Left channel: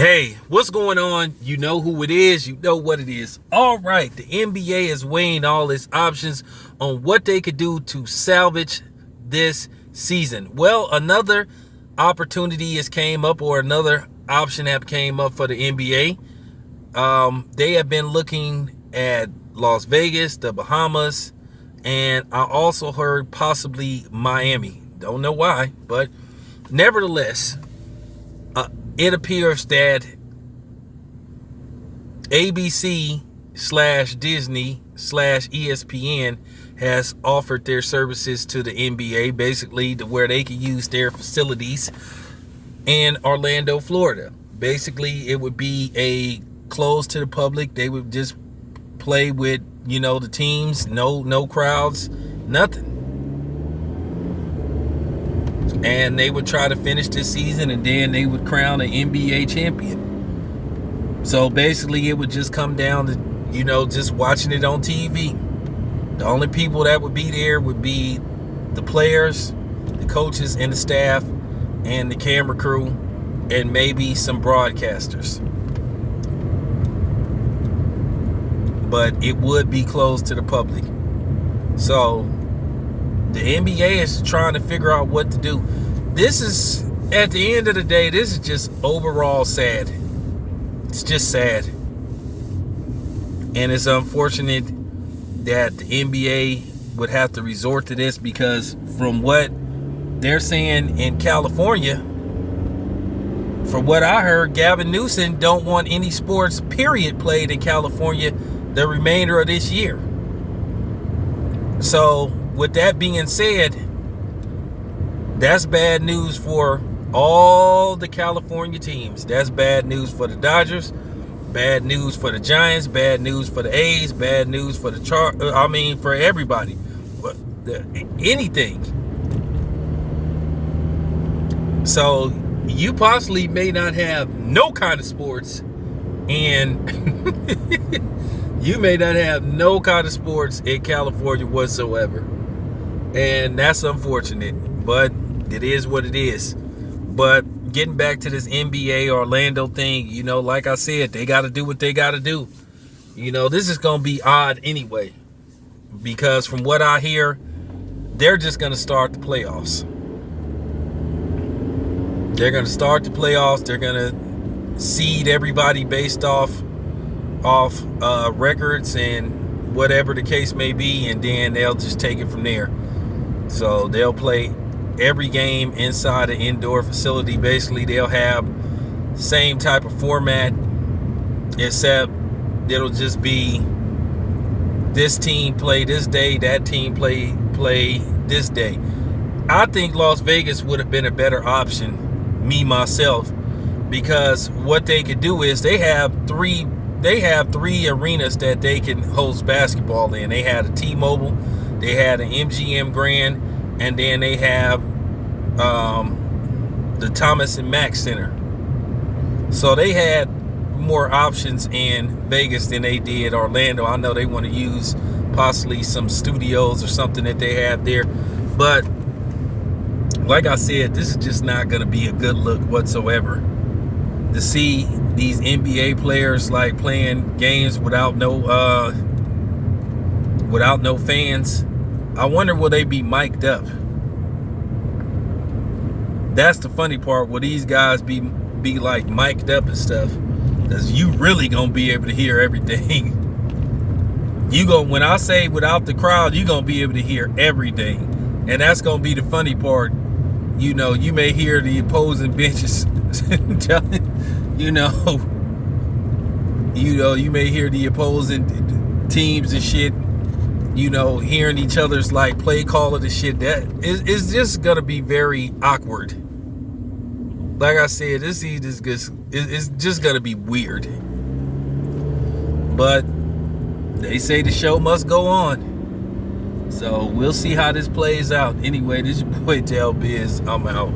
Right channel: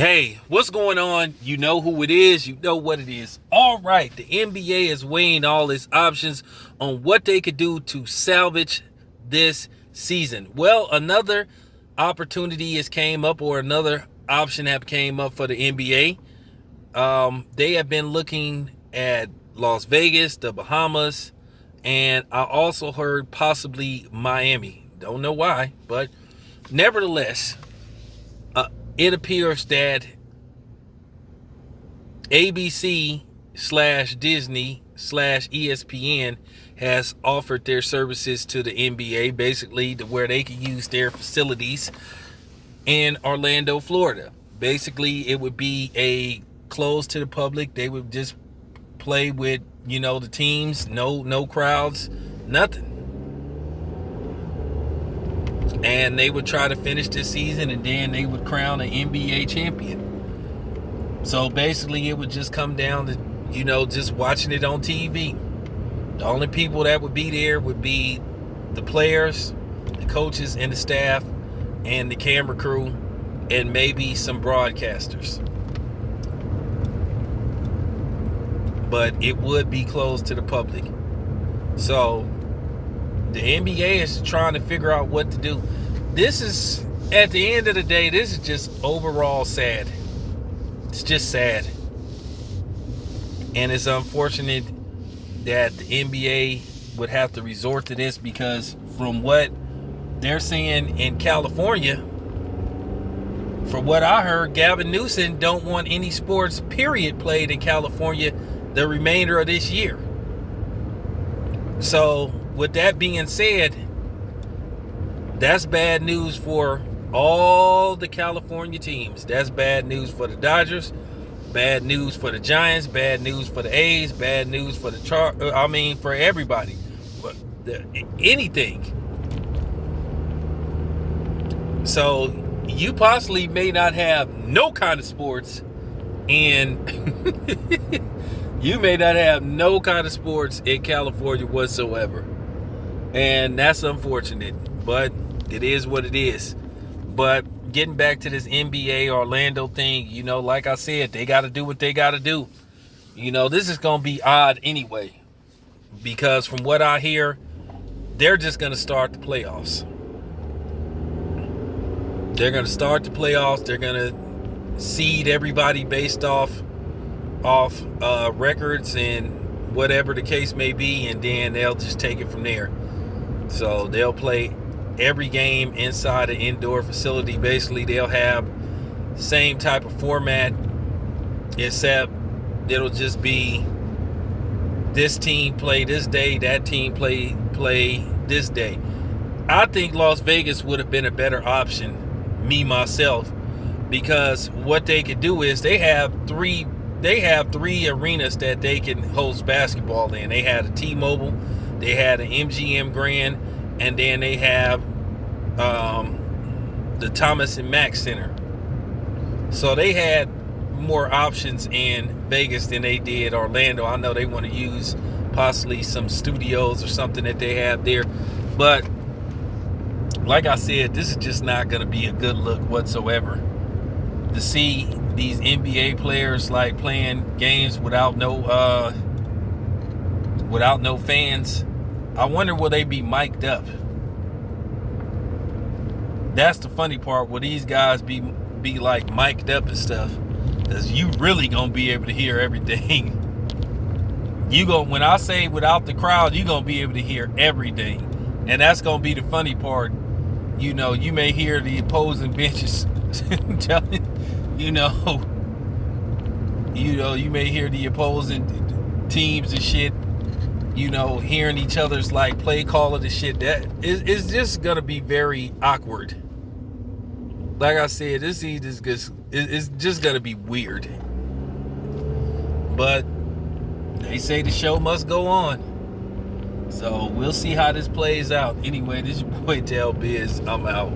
Hey, what's going on? You know who it is. You know what it is. All right, the NBA is weighing all its options on what they could do to salvage this season. Well, another opportunity has came up, or another option have came up for the NBA. They have been looking at Las Vegas, the Bahamas, and I also heard possibly Miami. Don't know why, but nevertheless, it appears that ABC / Disney / ESPN has offered their services to the NBA, basically to where they can use their facilities in Orlando, Florida. Basically, it would be a closed to the public. They would just play with, the teams, no crowds, nothing. And they would try to finish this season, and then they would crown an NBA champion. So basically, it would just come down to, just watching it on TV. The only people that would be there would be the players, the coaches, and the staff, and the camera crew, and maybe some broadcasters. But it would be closed to the public. So the NBA is trying to figure out what to do. This is, at the end of the day, this is just overall sad. It's just sad. And it's unfortunate that the NBA would have to resort to this, because from what they're saying in California, from what I heard, Gavin Newsom don't want any sports, period, played in California the remainder of this year. So, with that being said, that's bad news for all the California teams. That's bad news for the Dodgers, bad news for the Giants, bad news for the A's, bad news for the for everybody. But anything. So, you possibly may not have no kind of sports, and you may not have no kind of sports in California whatsoever. And that's unfortunate, but it is what it is. But getting back to this NBA Orlando thing, like I said, they got to do what they got to do. This is going to be odd anyway, because from what I hear, they're just going to start the playoffs. They're going to start the playoffs. They're going to seed everybody based off records and whatever the case may be, and then they'll just take it from there. So they'll play every game inside an indoor facility. Basically, they'll have same type of format, except it'll just be this team play this day, that team play this day. I think Las Vegas would have been a better option, me myself, because what they could do is they have three arenas that they can host basketball in. They had a T-Mobile, they had an MGM Grand, and then they have the Thomas and Mack Center. So they had more options in Vegas than they did Orlando. I know they want to use possibly some studios or something that they have there, but like I said, this is just not going to be a good look whatsoever. To see these NBA players like playing games without no fans, I wonder will they be mic'd up? That's the funny part. Will these guys be like mic'd up and stuff? Because you really gonna be able to hear everything. When I say without the crowd, you gonna be able to hear everything, and that's gonna be the funny part. You may hear the opposing benches telling. You may hear the opposing teams and shit, hearing each other's like play call of the shit. That is just gonna be very awkward. Like I said, this is just gonna be weird. But they say the show must go on. So we'll see how this plays out. Anyway, this is your boy Del Biz. I'm out.